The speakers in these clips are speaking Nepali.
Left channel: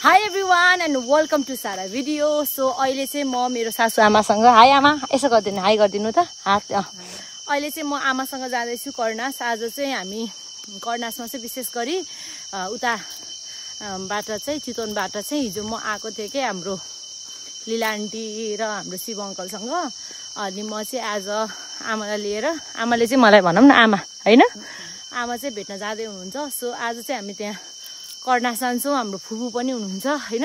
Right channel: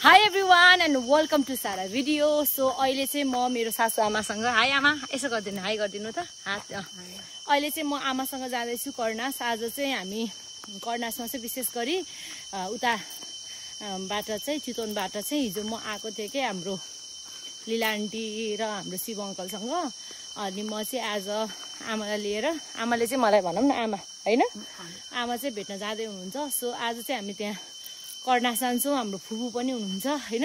Hi everyone and welcome to Sara video. So अहिले चाहिँ म मेरो सासु आमासँग हाई आमा यसो गर्दिनु हाई गर्दिनु त हात अहिले चाहिँ म आमासँग जाँदै छु कर्नास आज चाहिँ हामी कर्नासमा चाहिँ विशेष गरी उता बाट चाहिँ चितवनबाट चाहिँ हिजो म आएको थिएँ के हाम्रो लीला आन्टी र हाम्रो शिव अंकलसँग अनि म चाहिँ आज आमालाई लिएर आमाले चाहिँ मलाई भनौं न आमा हैन आमा चाहिँ भेट्न जाँदै हुनुहुन्छ सो आज चाहिँ हामी त्यहाँ कर्नास जान्छौं हाम्रो फुपू पनि हुनुहुन्छ हैन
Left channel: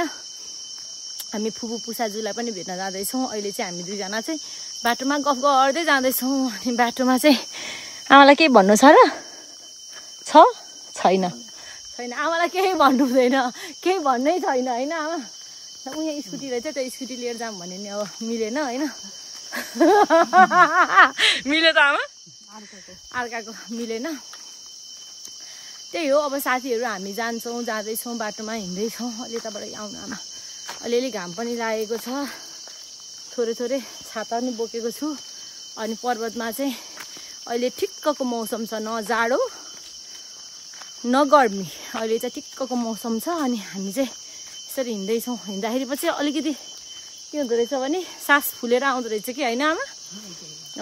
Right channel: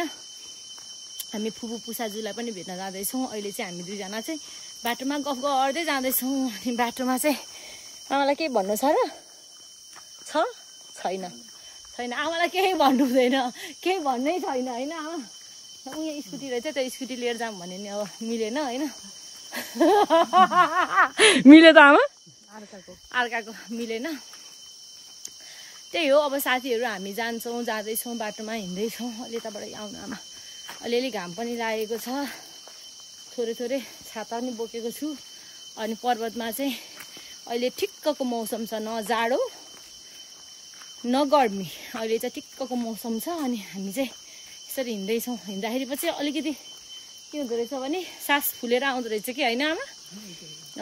हामी फुपू पुसाजुलाई पनि भेट्न जाँदै छौं अहिले चाहिँ हामी दुई जना चाहिँ बाटोमा गफ गर्दै जाँदै छौं अनि बाटोमा चाहिँ आमालाई के भन्नु छ र छैन छैन आमालाई केही भन्नु हुँदैन केही भन्नै छैन हैन आमा उहाँ स्कुटी रहेछ त्यो स्कुटी लिएर जाम भने नि अब मिलेन हैन मिले त आमा अर्काको मिलेन त्यही हो अब साथीहरु हामी जान्छौं जाँदैछौं बाटोमा हिँड्दैछौं अलि यताबाट आउनु आमा अलिअलि घाम पनि लागेको छ थोरै थोरै छाता पनि बोकेको छु अनि पर्वतमा चाहिँ अहिले ठिक्कको मौसम छ न जाडो न गर्मी अहिले चाहिँ ठिक्कको मौसम छ अनि हामी चाहिँ यसरी हिँड्दैछौं हिँड्दाखेरि पछि अलिकति के हुँदो रहेछ भने सास फुलेर आउँदो रहेछ कि हैन आमा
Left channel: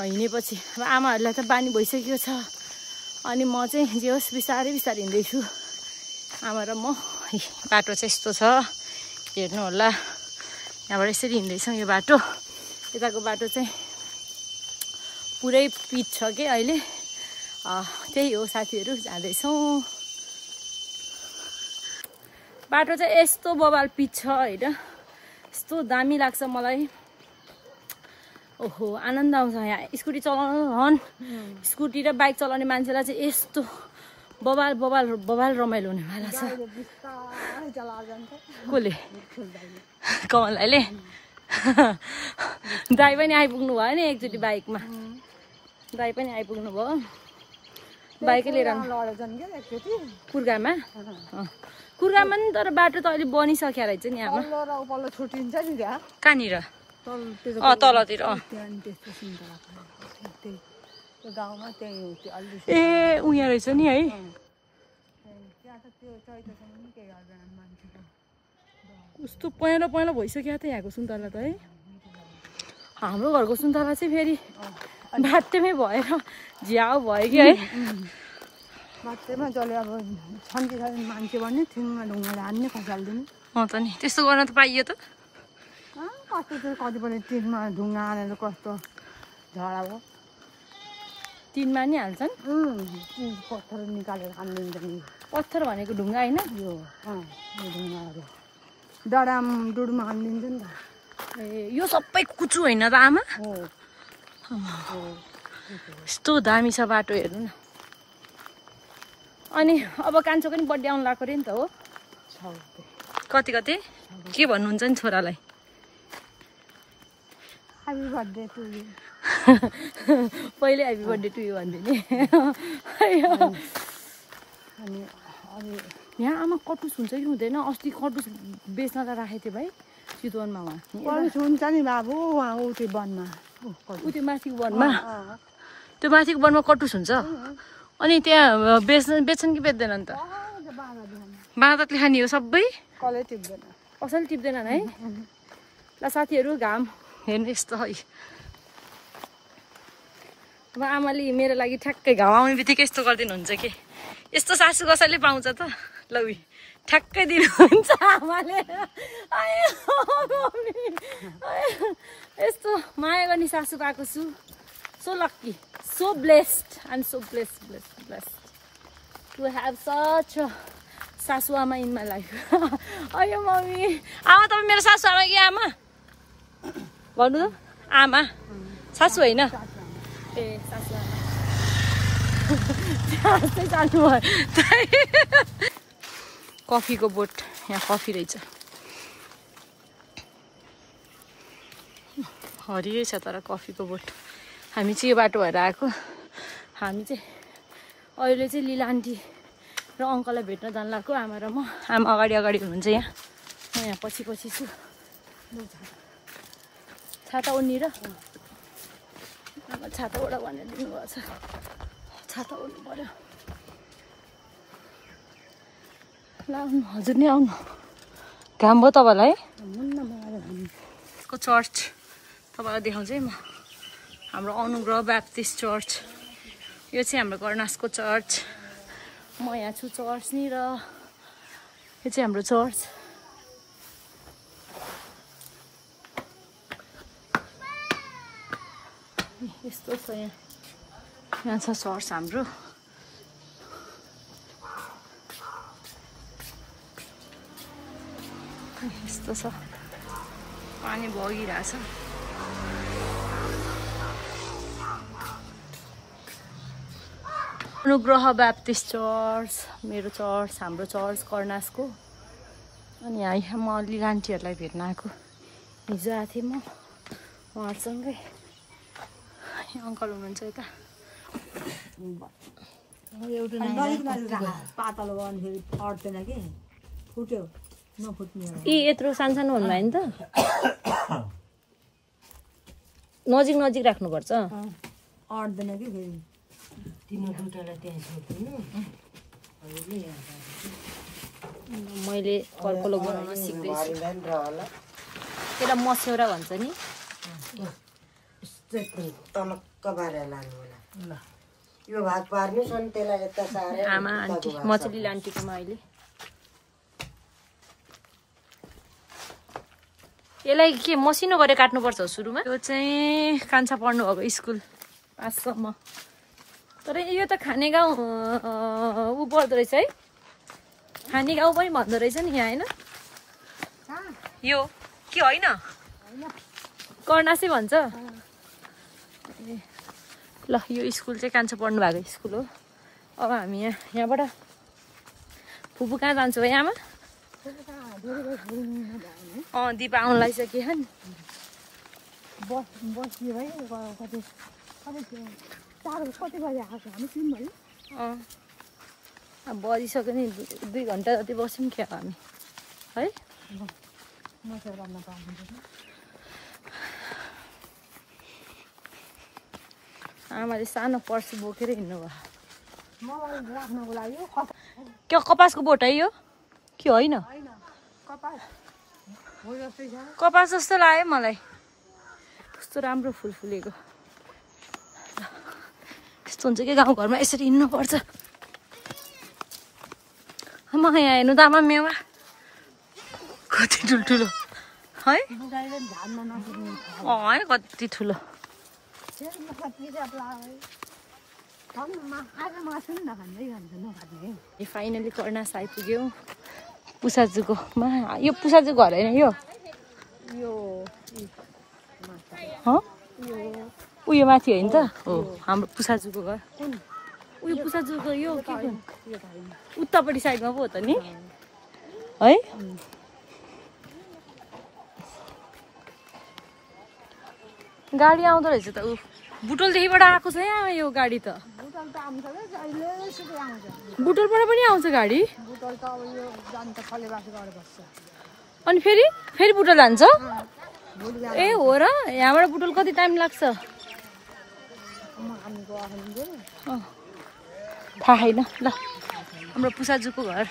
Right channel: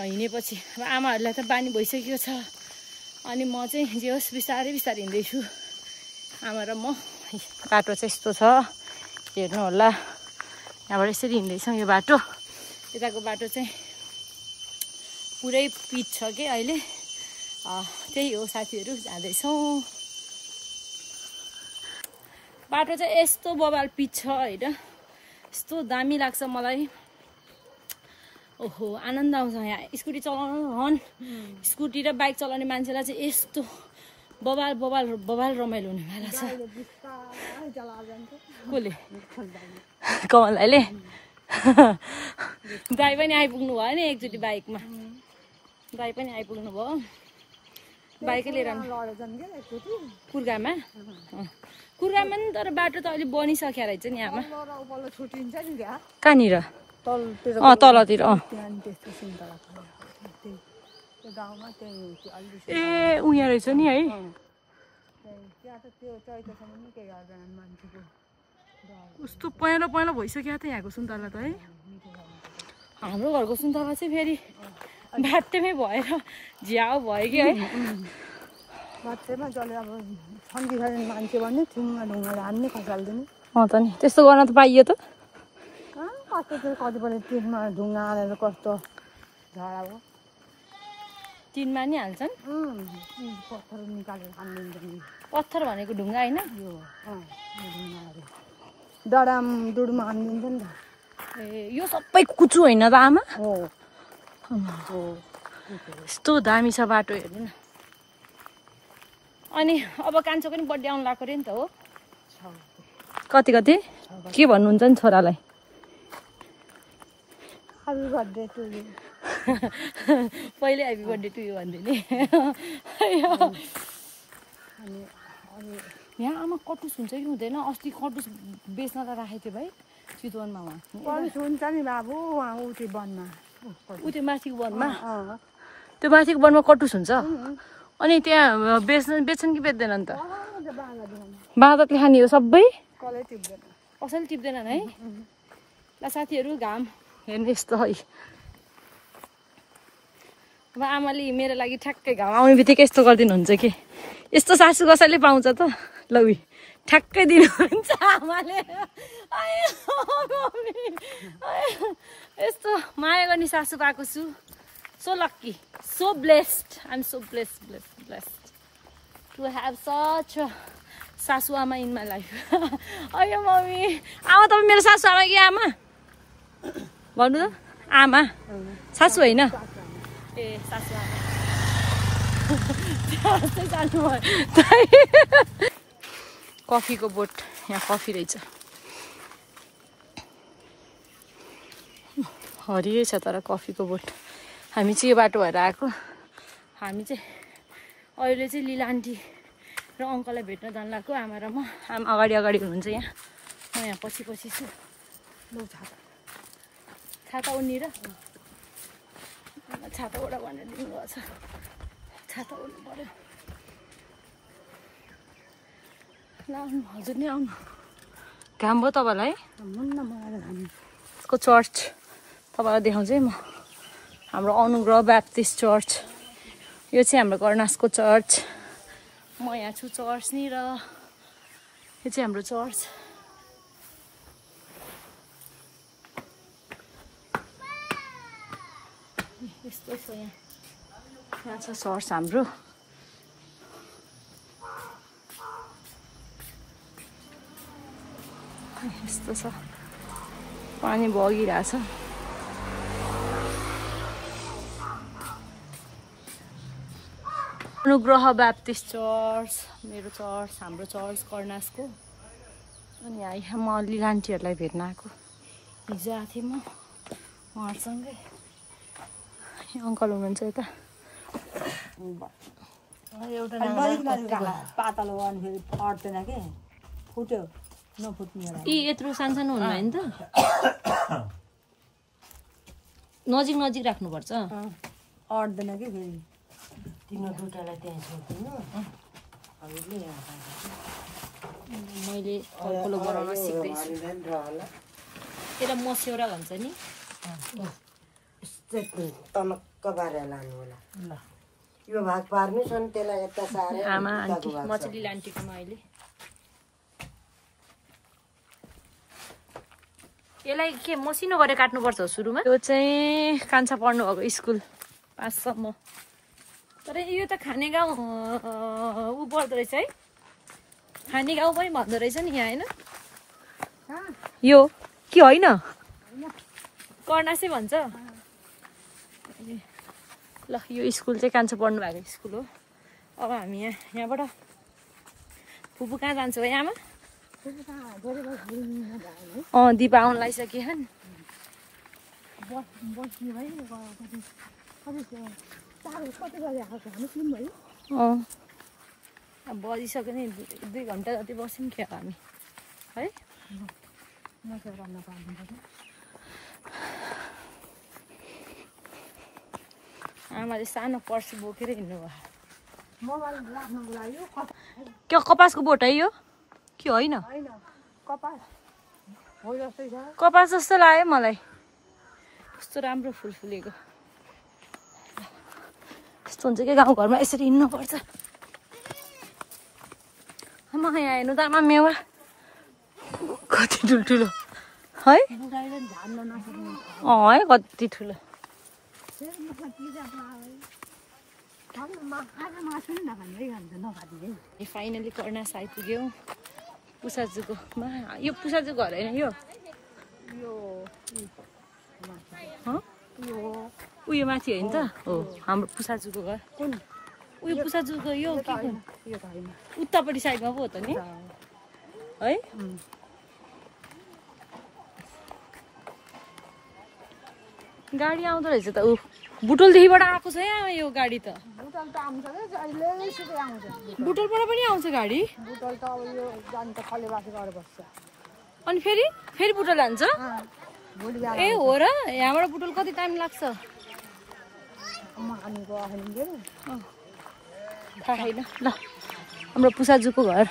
हिँडेपछि अब आमाहरुलाई त बानी भइसकेको छ अनि म चाहिँ जे होस् बिस्तारै बिस्तारै हिँड्दैछु आमा र म बाटो चाहिँ यस्तो छ हेर्नु होला यहाँबाट यसरी हिँड्दैछौँ यो बाटो यताको बाटो चाहिँ पुरै पिच छ के अहिले त्यही हो साथीहरु जाँदैछौँ बाटो चाहिँ यस्तो बबाल पिच छ हैन यस्तो दामी लाग्छ मलाई ओहो आनन्द आउँछ यहाँ स्कुटी चलाउन स्कुटी र बाइक चलाउने मान्छेलाई चाहिँ यस्तो बबाल बबाल बबाल रमाइलो हुनेवाला छ कोले कमलले दाइ पनि आइपुग्नु भयो नि एकचोटि बाइकमा दाइ पनि आइपुग्नु भयो बाइकै लिएर कुर्गामा कुर्गामा नि तर बाटो त अहिले बनिसक्यो रहेछ नि आमा कहाँनिर तलतिर ए उहाँ रहेछ नि है कस्तो पहेँलो पहेँलो भइसक्यो त यहाँको सुन्तला त है हाम्रो घरको सुन्तला चाहिँ फेरि बाटोमै भएर झ्याउ भयो कि है बाटोमा जले अब शान्ति छैन मान्छे भने थिनमा ढुङ्गाले हान्ने खसाल्दिनु त नि त्यस्तो गर्न त पाइयो त कस्तो चाहिँ कतिपल्ट टिनमा ढुङ्गा हालेर कस्तो झडा भयो टिनमा नि हाल्छन् पत्थर निकालेर हान्दिन्छ पत्थर भनेको ढुङ्गा होइन डडाम डुडुमा हानिदिन्छ नि त ए यो सबै कुचु होइन त आमा यस्तो दामी छ बाटो हेर्नु न अनि अब कान्छो पनि बर्थडे आउनु लाग्यो अरे नि त हो कति कति के भन्नुहुन्छ नि छोरालाई ह्यापी बर्थडे टु यु पहिले ह्यापी बर्थडे टु यु भन्दिने यहाँ आमा कटुस हुन्छ कि हुँदैन अस्ति कटुस बेच्नलाई राखेको थियो भाइ चितवनमा हुन्छ नि बाबु ऊ त्यो वनमा ऊ त्यो माथिको वनमा त्यो माथिको वनमा कटुस हुन्छ अनि त्यहाँ बेच्छन् कि बेच्दैनन् त बाँदरले खाने हो सबै कसैले टिप्दैनन् है ल साथीहरु घाम हेर्नु यस्तो है अब आमाले मेरो लागि ठ्याक्कै घाम आउने बित्तिकै यस्तो गरिदिनुहुन्छ कि यस्तो सासु कसैले पाउँछ त लौ ठ्याक्कै दिनुहुन्छ आमाले यस्तो माया गर्ने सासु पाएको छु so lucky so blessed I am so blessed to have such सासु आमा इन माई लाइफ अयो मम्मी आमा तपाईँ मेरो सासु आमा कि आमा भन्नु आमा सासु होइन ए सासु आमा कफीको बोट यहाँ कफी रहेछ हरियै छ तर कफीको बोट हामी चाहिँ यो बाटो भएर आएको हामी चाहिँ अहिले चाहिँ लीला आन्टी र अङ्कललाई भेट्न जानु लाग्यो आमा र म आमा अगाडि अगाडि हुनुहुन्छ यहाँ म यहाँ पछि पछि छु छाता ओढ्ने र छाता ओढ भनेर दिनुभएको छ छाता ओढ्नु पर्यो ल हजुर नि आउनु घाम भयो तपाईँलाई यसको चर्च तपाईँलाई देखाउँछु है म हाम्रो अनुग्रह ब्याप्टिस्ट चर्च यो चाहिँ हाम्रो कर्नासको चर्च म यहाँ छु चर्च नि र यो चाहिँ हाम्रो चर्च यस्तो छ यहाँ छ चर्च हाम्रो यस्तो छ पानी बगिरहेछ अनुग्रह ब्याप्टिस्ट चर्च मेरो चर्च हाम्रो चर्च कर्नासको अनि यहाँ म अलि आन्टीहरूलाई भेट्न आएको हिजो आएको थिएँ म उहाँसँगै अङ्कल हुनुहुन्छ यता पातलो अट्दैन कि फुट्यो नफुट्ने यी यत्रो सानो हुनुभयो नि त नजिक नजिक राख्नुपर्छ अट्दैन कि फेरि मैले कलकलो बनाउन सिक्दैछु त्यसलाई मस्यौरा भन्छ नि तलक्क बारेर लानु होला ल यो भाग पार्नु सन त्यसलाई यता सारे आमा आन्टी मचली आन्टीकोमा अहिले यसलाई के मसिनो गरेर काट्नुपर्छ सुरुमा यो चाहिँ कान्छा पढ्नु भएको स्कुल 5 सम्म तर यो त खाने गाउँ ऊ पर्दो रहेछ है खाने गाउँ पनि भन्दो रहेछ नि यहाँ होइन यो के होइन कर्नासै भन्छ ल यो स्कुल चाहिँ कान्छो पढ्नु भएको स्कुल हो अब हामी यहाँबाट फुपू कहाँ जान्छौँ है आमा दिपा आउनु लागिसक्यो नि अब बजिसक्यो नि 2 घन्टा जति बस्यौँ क्या हामी है आमाले सानो पर्स बोकेर हिँड्नु भयो क्या कपासको बोट है यो के होइन कपास जस्तो लाग्यो मलाई कस्तो राम्रो फुल फुलेको यस्तो हुन्छ कि गाउँघरमा यसरी हिँड्नुपर्छ म यहाँ हेर्नु त आमा मेवा कति ठुल्ठुलो है है कति ठुलो फाइनली कर्नास आइपुग्यौँ पुसाजुकोमा यो पुसाजु घर होइन यो उयो माथि होइन त हो हाम्रो पुसाजुको घर उयो पुसाजुको यो के उतापट्टि साइडमा पो हो त नि है गाडी आउँदो रहेछ त ऊ बुटोलदेखिबाट आएको छ यहाँ यो गाडी त बुटोलबाट पनि आउँछ गाडी अनि फेरि बुटोल जान्छ ए हो र यहाँबाट बुटोल कति टाइम लाग्छ थाहा छैन ल हाम्रो पुसाजुको घर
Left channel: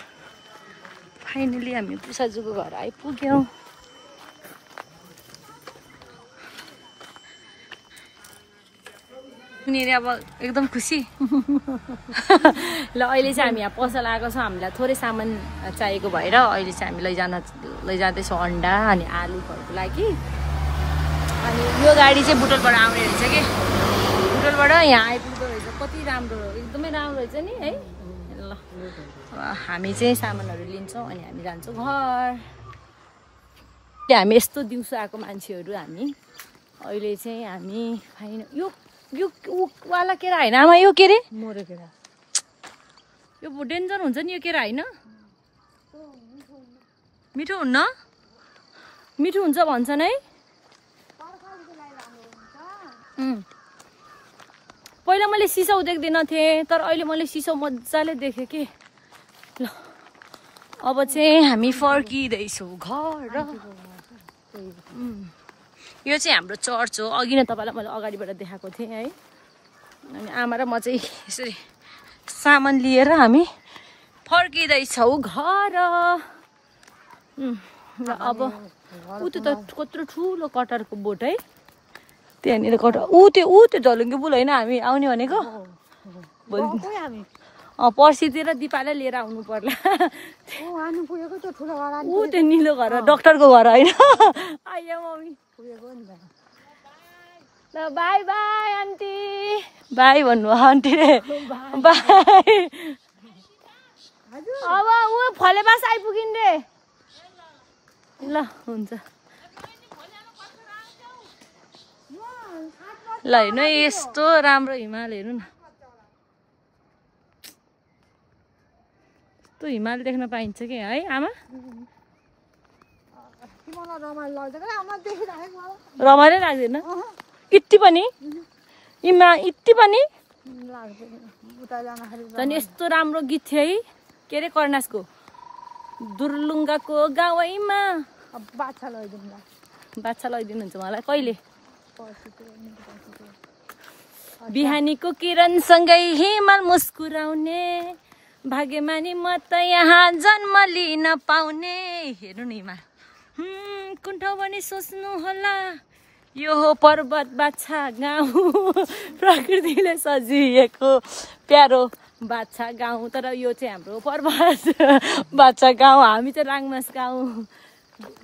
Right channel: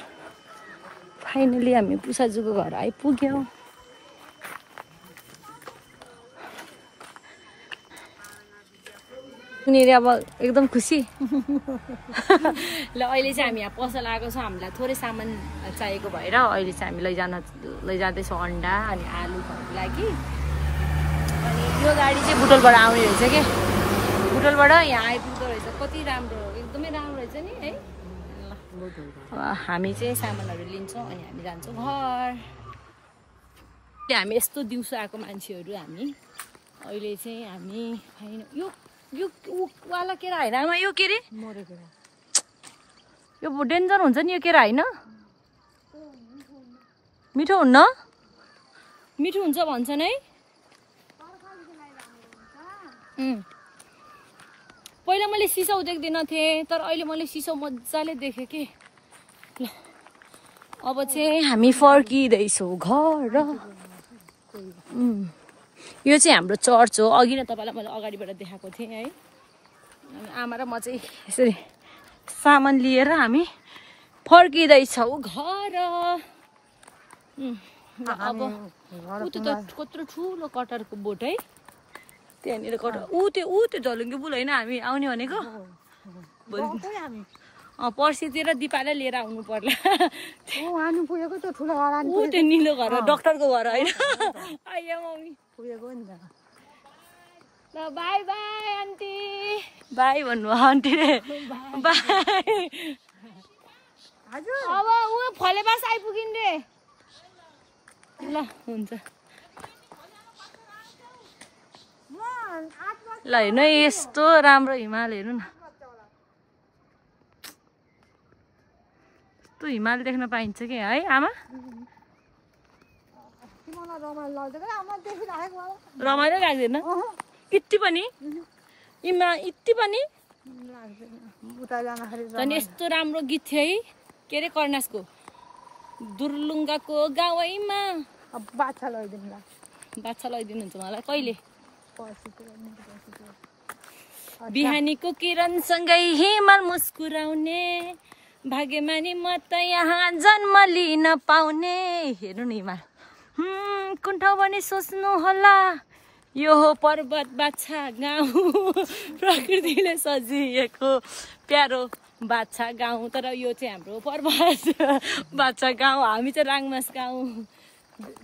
फाइनली हामी पुसाजुको घर आइपुग्यौँ उनीहरू अब एकदम खुसी ल अहिले चाहिँ हामी यहाँ पसल आएको छौँ हामीलाई थोरै सामान चाहिएको भएर अहिले चाहिँ हामी लैजाँदैछौँ अन्डा अनि आलु घरको लागि अनि यो गाडी चाहिँ बुटोलबाट आउने रहेछ कि बुटोलबाट यहाँ आइपुग्दो रहेछ कति राम्रो एकदमै राम्रो रहेछ नि है ल अब हामी चाहिँ सामानहरू लिन्छौँ अनि हामी जान्छौँ घर हामी यस्तो दिउँसो आएको मान्छेहरू हामी अहिले चाहिँ हामी खाइन यो वाला केरा होइन आमा यो के अरे मोरो केरा यो डेन्जर हुन्छ नि यो केरा होइन मिठो हुन्न मिठो हुन्छ भन्छन् है पहिला मैले सिसाउ देख्दिनँ थिएँ तर अहिले मैले सिसाउ मजाले देखेँ कि ल अब चाहिँ हामी फर्किँदैछौँ घर यो चाहिँ हाम्रो चर्च हो अघि नै तपाईँलाई मैले अगाडिबाट देखाएको थिएँ है अनि आमा र म चाहिँ यसरी सामान लिएर हामी फर्किँदैछौँ घर ल अब ऊ त्यो त कत्रो ठुलो कटरको बोट है त्यहाँनिर कटर ऊ त्यो झलुङ्गे पुल होइन हामी आउने भनेको पर्सितिर दिपालाई लिएर आउनु पर्ला ऊ त्यो निलो घर डाक्टरको घर होइन आइया मम्मी ल बाई बाई आन्टी बाई भन्नु आन्टीले बाई अब ऊ फलेबास आइपुगिन् रे ल हुन्छ ल हेर्नु यस्तो राम्रो हिमाल हेर्नु न यस्तो हिमाल देख्न पाइन्छ कि है आमा रमाइलो लाग्दैन यति पनि यति पनि झन् यस्तो राम्रो गीत थियो है के अरे कर्णासको दुर्लुङ्गाको गाउँमा बाछा लैदिनुहुन्छ मलाई कहिले बिहानीको किरणसँगै हिमाल मुस्कुराउने भाग्यमानी म त यहाँ जन्म लिन पाउने हेर्नु न हिमाल कुन ठाउँ भने सोच्नु होला यो हो पर्वत बाछा गाउँ प्रकृतिले सजिएको प्यारो बाछा गाउँ तर यो चाहिँ हाम्रो पर्वत बाछा गाउँ हामी चाहिँ राङमास गाउँ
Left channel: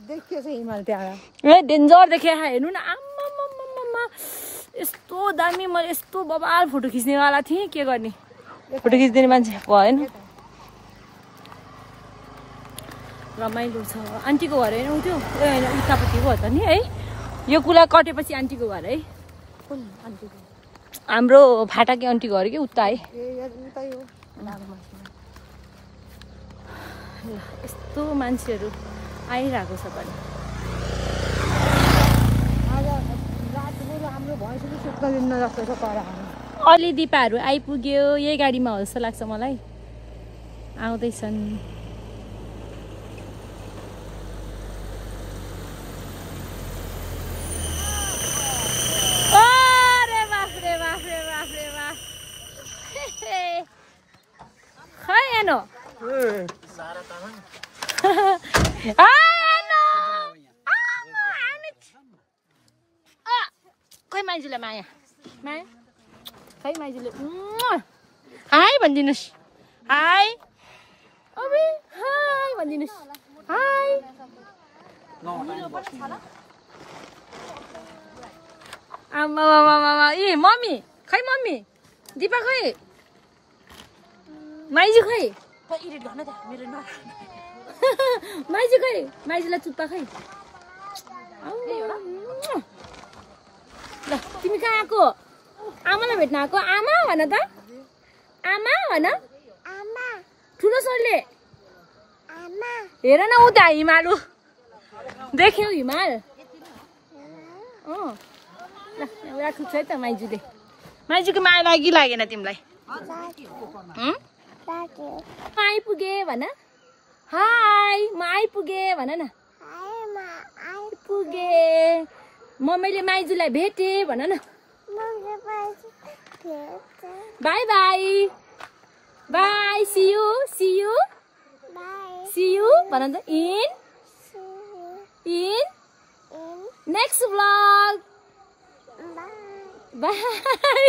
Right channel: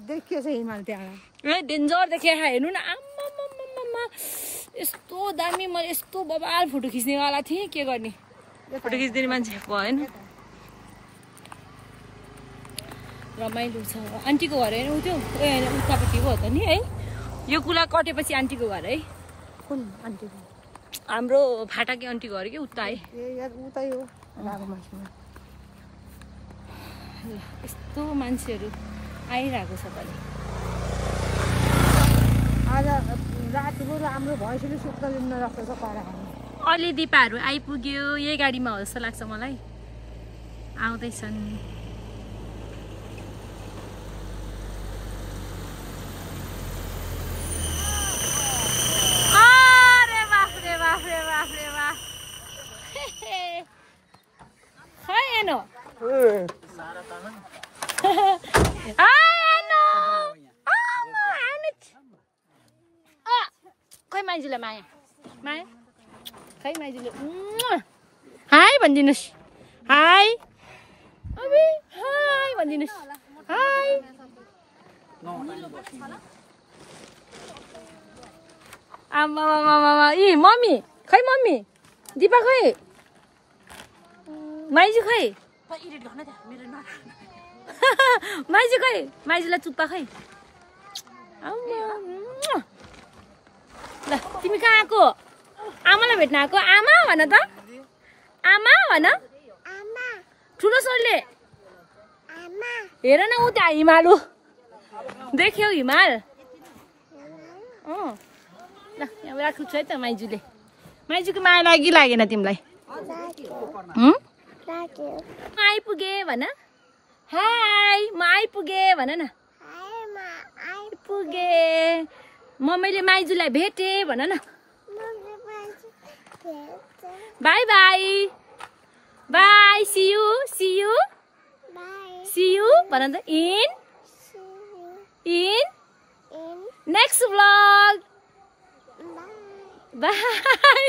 देखियो छ हिमाल त्यहाँ ए डेन्जर देखे हेर्नु न आम्मा यस्तो दामी म यस्तो बबाल फोटो खिच्नेवाला थिएँ के गर्ने फोटो खिचिदिने मान्छे भएन रमाइलो छ आन्टीको घर होइन उ त्यो होइन उतापट्टिको हो त नि है यो कुरा कटेपछि आन्टीको घर है हाम्रो फाटाकी आन्टीको घर कि उता है यस्तो मान्छेहरू आइरहेको छ पनि अलि दिपाहरू आइपुग्यो यही गाडीमा हो जस्तो लाग्छ मलाई आउँदैछन् खै माइजूलाई माया माया खै माइजूले हाई भनिदिनुहोस् हाई अबे हाई भनिदिनुहोस् हाई आमा ए मम्मी खै मम्मी दिपा खै माइजू खै माइजू खै माइजूलाई चुप्पा खै ल तिमी कहाँ आएको आमालाई भेट्न आएको आमा भन त आमा भन ठुलो स्वरले हेर न उ त्यहाँ हिमालु देख्यौ हिमाल ल यहाँ राख्छु है त माइजूले माइजूको माया लागि लागेन तिमीलाई आइपुगे भन हाई म आइपुगे भन न आइपुगे मम्मीले माइजूलाई भेटे भन न bye bye bye see you भन त इन नेक्स्ट व्लग बाई